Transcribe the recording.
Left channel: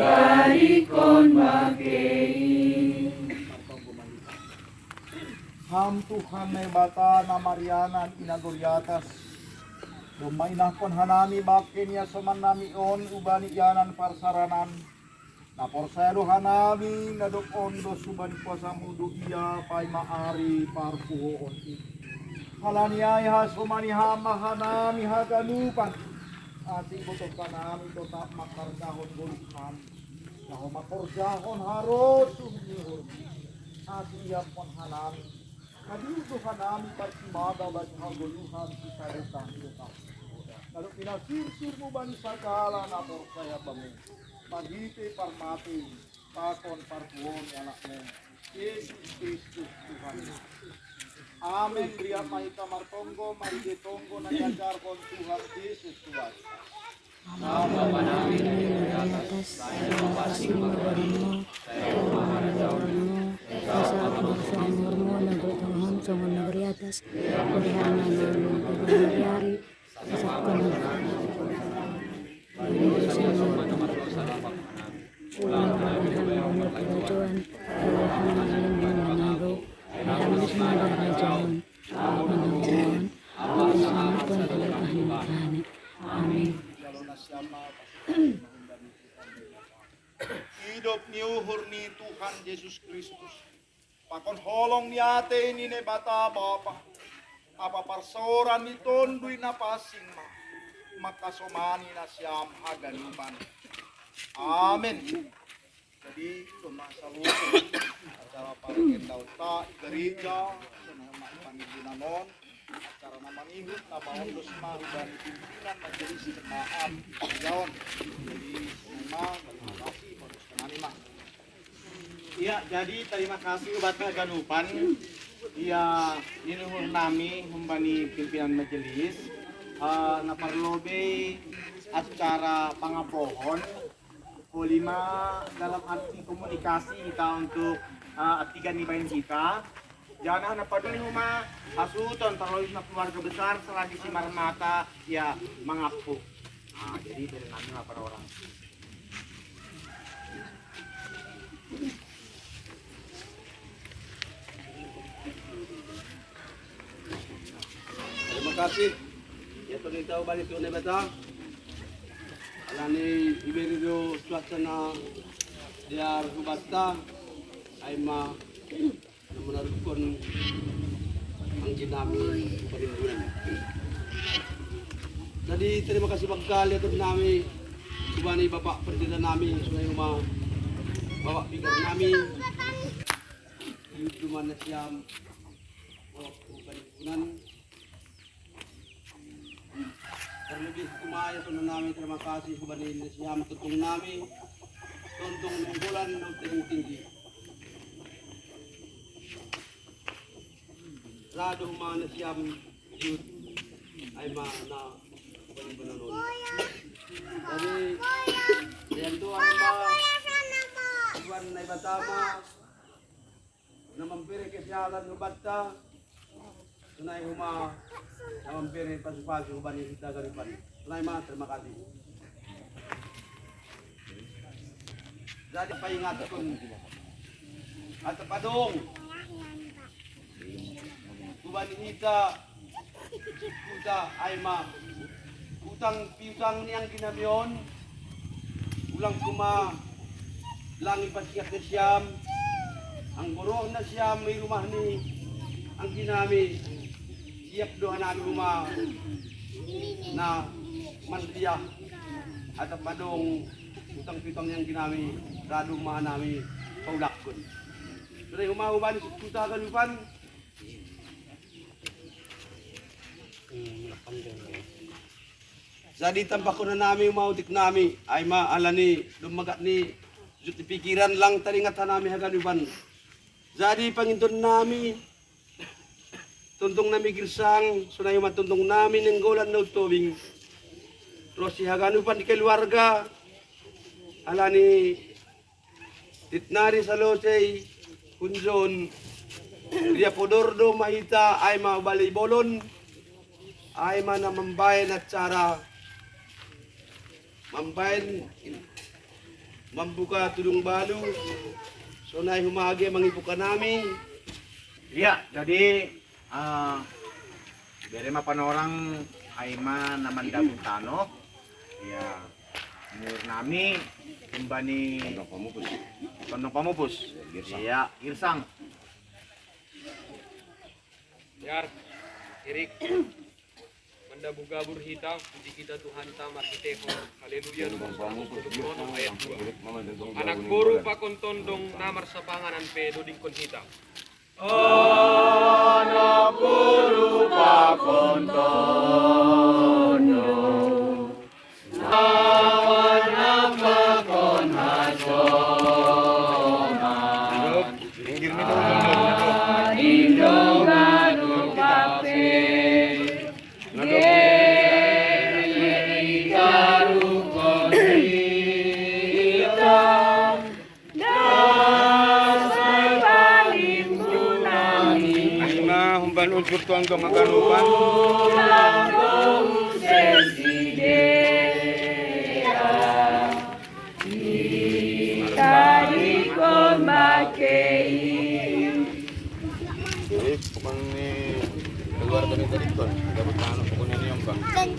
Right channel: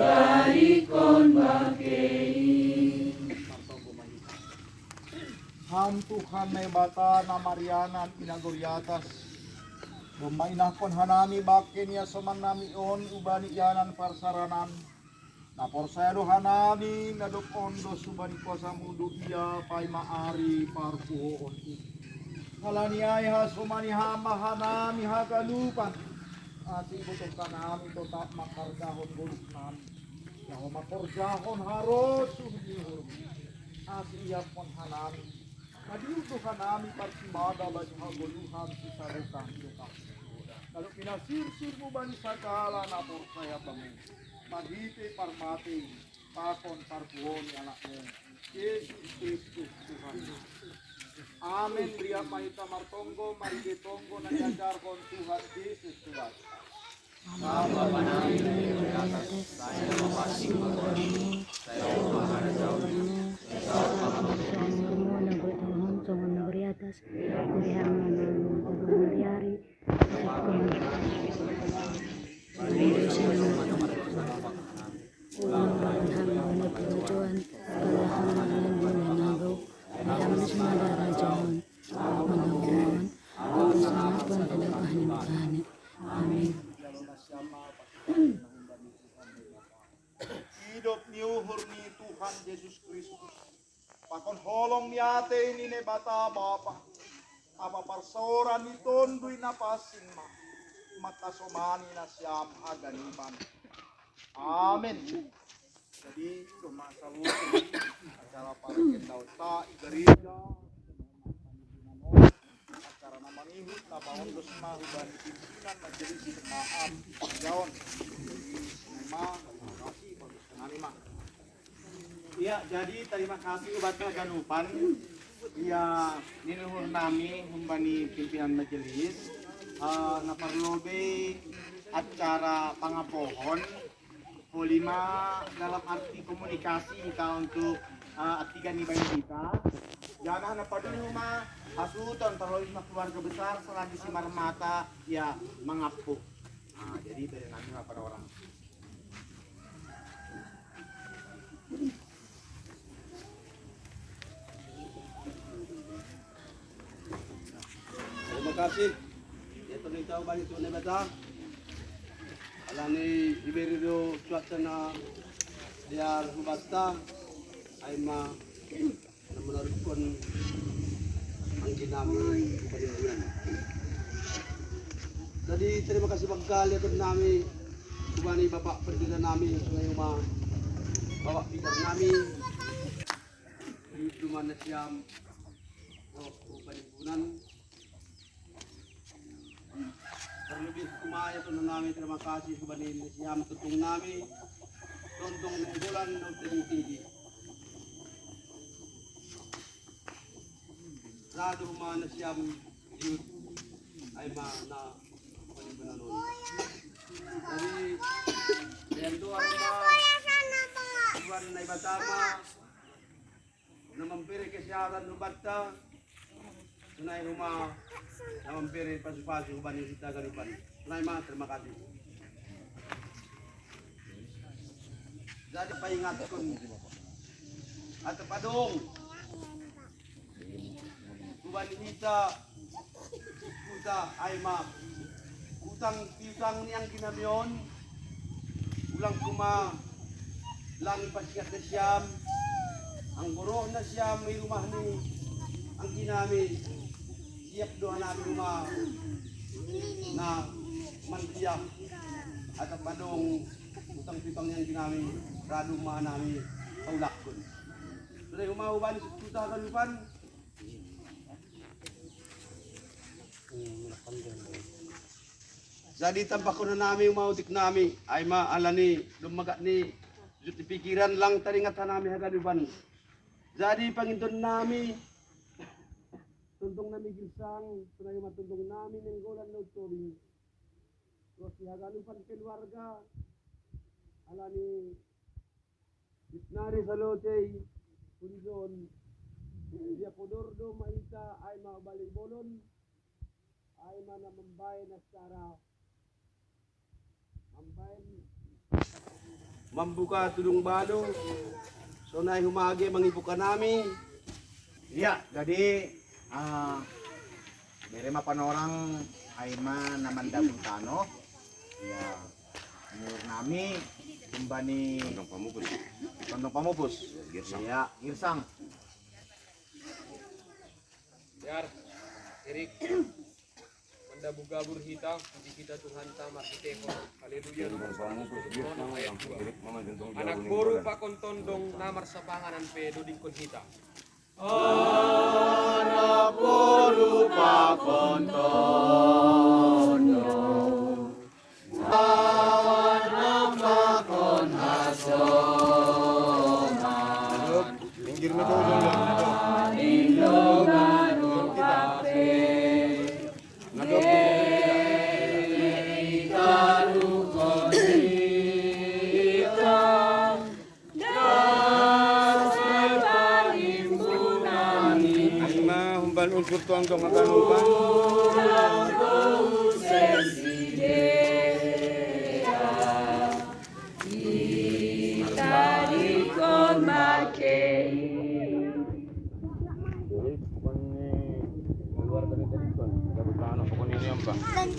ibarikon bakei. Ham Tuhan na bata na Marianan inagoryatas. Bumainakon hanami bakin niya saman nami on ubani yanan parsaranan. Naporsado hanami ngadokon do suban kuasa mudu iya pay maari parpuhoon it. Halaniay ha sumani hama hanami haganupan. Ating butong kanami tota makargahon bulukan. Naho makargahon haros sumihon. Ating iyan pon hanami. Nadiuto hanami parsimada bani haguluhan si sarukang lukas. Kalau pinasirsir mo ba ni sakala na porsaya bangun. Magite parmati, pakon parpuon ni anak mo. Yesus Kristus Tuhan. Amen. Bria mahita martonggo, marigetonggo na yajarkon Tuhan Yesus Tuhan. Nama namin ay atas, tayo na mapasing magwarin mo, tayo maharajaw sa pagkakamur mo, nagultanghan sa mga nagriatas, kulihan na namin pagkamayari, sa pagkakamur. Ulang balahang wana perajuan, kalahang malang wana nagaw, mahamis madarajawan, manawon, pagkasama pun talabahan maghanip. Amin. Hidup niuhur ni Tuhan Yesus Kristus. Pakon holong ni ate ni ne bata bapa. Apa parsoran ni tonduy na pasing ma. Makasomani na siyam haganupan. Amen. Jadi tumasalutin acara parikin daw ta igariga sa mga pangilinan mo. Acara na manihut na maundos mahuban pimpinan majelis jemaat Yaon. Jadi memang terima kasih bagus teman-teman. Iya, jadi terima kasih ubat kaganupan. Iya, ninuhur nami humbani pimpinan majelis naparlobe acara pangapohon polima dalam arti komunikasi kita untuk atigan ibain kita. Jangan apa dulu mah asuton terlalu na keluarga besar selagi si marmata ya mengapuh. Nah, jadi dari nami lah para orang. Terima kasih. Ya tunita balik tunai beta. Alani iberido suasana diar subasta aima namunarukon ang ginami paninggunan. Jadi terima kasih pagkali ato nami kubani bapak perdana nami sunay uma bapak pikir nami di mana siam paninggunan. Terlebih kumaya ito na namin terima kasih kubani siam tutong nami tontong ng bulan ng tinggi. Rado mana siam yun ay mana kubani bananon. Jadi yang doa ma tuan na ibatama na mampiri kesyalan nubata tunay huma na mampiri pasu-pasu kubani sita garipan. Tunay ma terima kasih. Jadi paingat kun at padong kubani kita kuta ay ma utang piutang niyang ginamion ulang kuma langi pasikat na siyam ang buruh na siyam may rumah ni ang ginami siap doa namin rumah na mantiya at padong utang piutang niyang ginami rado rumah namin paulak kun so umahuban sa kuta galupan jadi tampak ko na namin umautik nami ay maala ni lumagat ni juti pikiran lang taringat nami haganuban. Jadi pangintun nami tuntong nami girsang sunay matuntong nami ng golan na utobing. Terus si haganuban di keluarga ala ni titnari sa losay kunjon dia podordo mahita ay mabali bolon ay mana membayan at cara membayan mambuka tulung balo. So na humagi mangibuka nami. Iya, jadi dari mapanorang ay naman Dabuntano. Ya, menurut nami kumbani Kondong Pamupus. Iya, Girsang. Yar, Erik, Manda Bugabur Hita, puji kita Tuhan Tamat Kiteko, Haleluya. Anak guru pakon tondong namar sa panganan pe doding kon hita. Anak guru pakontono awan napakon hasoman pinggir ni dong indongan kape ikarukon hitam humban unsur tuang dong akan humban Jadi, bukan ni luar dari tadi kan, dapat tanah pokoknya ni yang bang.